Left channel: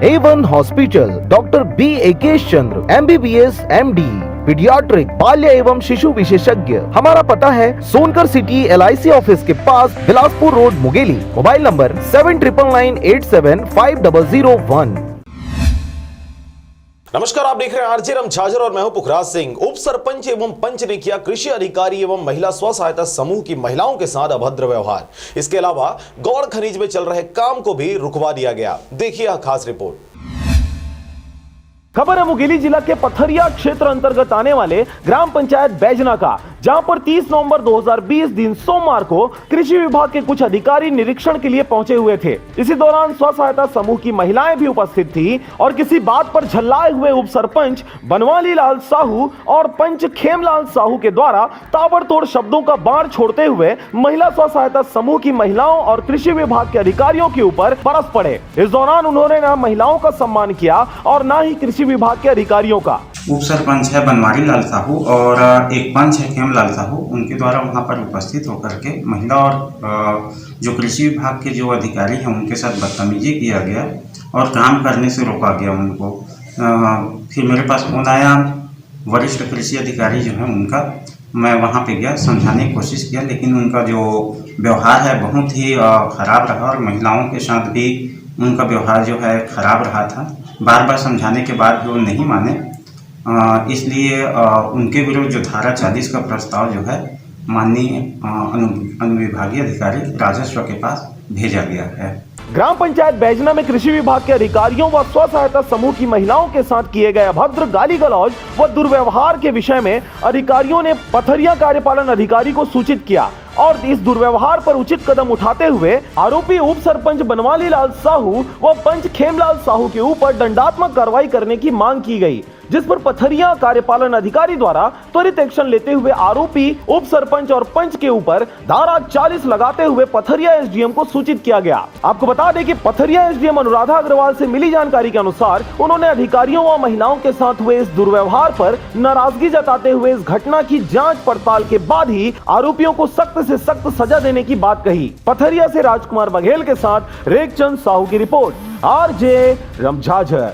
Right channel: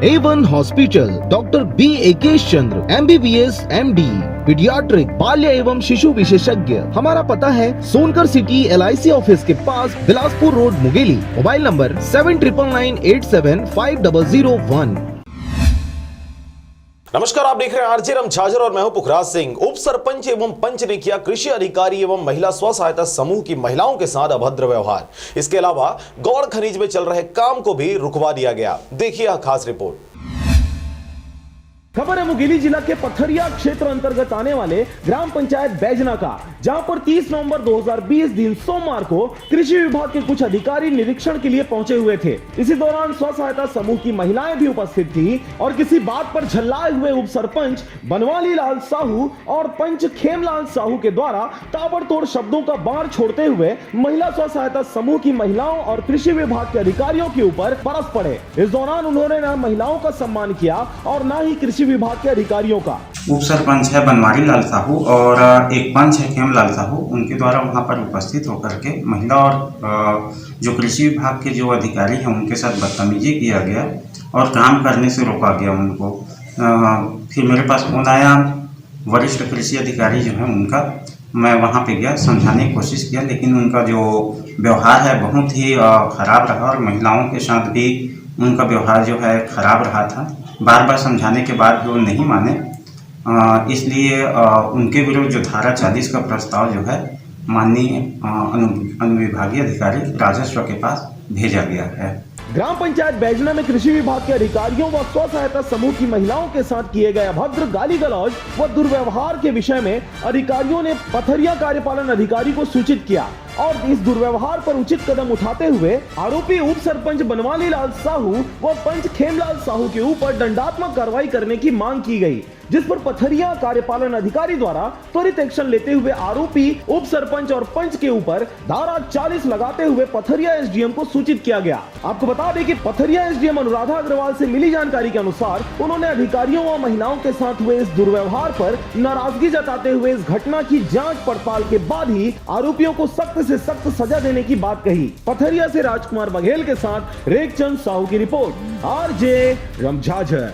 A1 hospital, doctor B एकेश चंद्र, MBBS MD, paediatric, बाल्य एवं शिशु विशेषज्ञ। हमारा पता है सोनकर सिटी LIC ऑफिस के पास, Bilaspur road, Mungeli. Mobile number 7999875001। नमस्कार, आप देख रहे हैं आरजे झाझर और मैं हूं पुखराज सिंह। उप सरपंच एवं पंच ने किया कृषि अधिकारी एवं महिला स्व सहायता समूह की महिलाओं के साथ अभद्र व्यवहार। इसके अलावा गौड़ खनिज में चल रहे काम को भी रुकवा दिया गया। देखिए यह खास रिपोर्ट। खबर है मुंगेली जिला के पथरिया क्षेत्र अंतर्गत आने वाले ग्राम पंचायत बैजना का, जहां पर 30 नवंबर 2020 दिन सोमवार को कृषि विभाग के कुछ अधिकारी निरीक्षण के लिए पहुंचे हुए थे। इसी दौरान स्व सहायता समूह की महिलाएं भी उपस्थित थी और किसी बात पर झल्लाए हुए उप सरपंच बनवाली लाल साहू और पंच खेमलाल साहू के द्वारा ताबड़तोड़ शब्दों का बाण छोड़ते हुए महिला स्व सहायता समूह की महिलाओं और कृषि विभाग के अधिकारियों के ऊपर बरस पड़े। इस दौरान उन्होंने न महिलाओं का सम्मान किया और न ही कृषि विभाग के अधिकारियों का। उप सरपंच है बनवारी लाल साहू और एक पंच है खेमलाल साहू, उनके द्वारा वहां पर उपस्थित होकर के महिला और जो कृषि विभाग के जो अधिकारी हैं उनके साथ बदतमीजी किया गया और काम करने से रोका गया उनको। फिर मेरे पास फोन आया वरिष्ठ कृषि अधिकारी जो है उनका, मैं वहां पे गया, समझाने की कोशिश किया, लेकिन उनका जो व्यवहार है बहुत ही खराब रहा और महिलाओं के साथ भी उनका व्यवहार जो है खराब रहा था। बार बार समझाने के बाद भी वो नहीं माने, इसलिए उनके विरुद्ध जो धारा 40 का प्रस्ताव जो है माननीय अनुविभागीय अधिकारी राजस्व के पास भेजा गया है। ग्राम पंचायत बैजना में कृषि विभाग के अधिकारियों व स्व सहायता समूह की महिलाओं के साथ किए गए अभद्र गाली गलौज व दुर्व्यवहार के विषय में अधिकारियों ने पथरिया कार्यपालन अधिकारी को सूचित किया और इस दुर्व्यवहार पर उचित कदम उठाते हुए आरोपी उप सरपंच बनवाली लाल साहू व पंच खेमलाल साहू के ऊपर दंडात्मक कार्रवाई करने की मांग की गई, जिस पर पथरिया कार्यपालन अधिकारी द्वारा त्वरित एक्शन लेते हुए आरोपी उप सरपंच और पंच के ऊपर धारा 40 लगाते हुए पथरिया SDM को सूचित किया गया। आपको बता दें कि पथरिया SDM अनुराधा अग्रवाल से मिली जानकारी के अनुसार उन्होंने अधिकारियों व महिलाओं के साथ हुए इस दुर्व्यवहार पर नाराजगी जताते हुए इस घटना की जांच पड़ताल के बाद ही आरोपियों को सख्त से सख्त सजा देने की बात कही। पथरिया से राजकुमार बघेल के साथ रेखचंद साहू की रिपोर्ट, आरजे झाझर।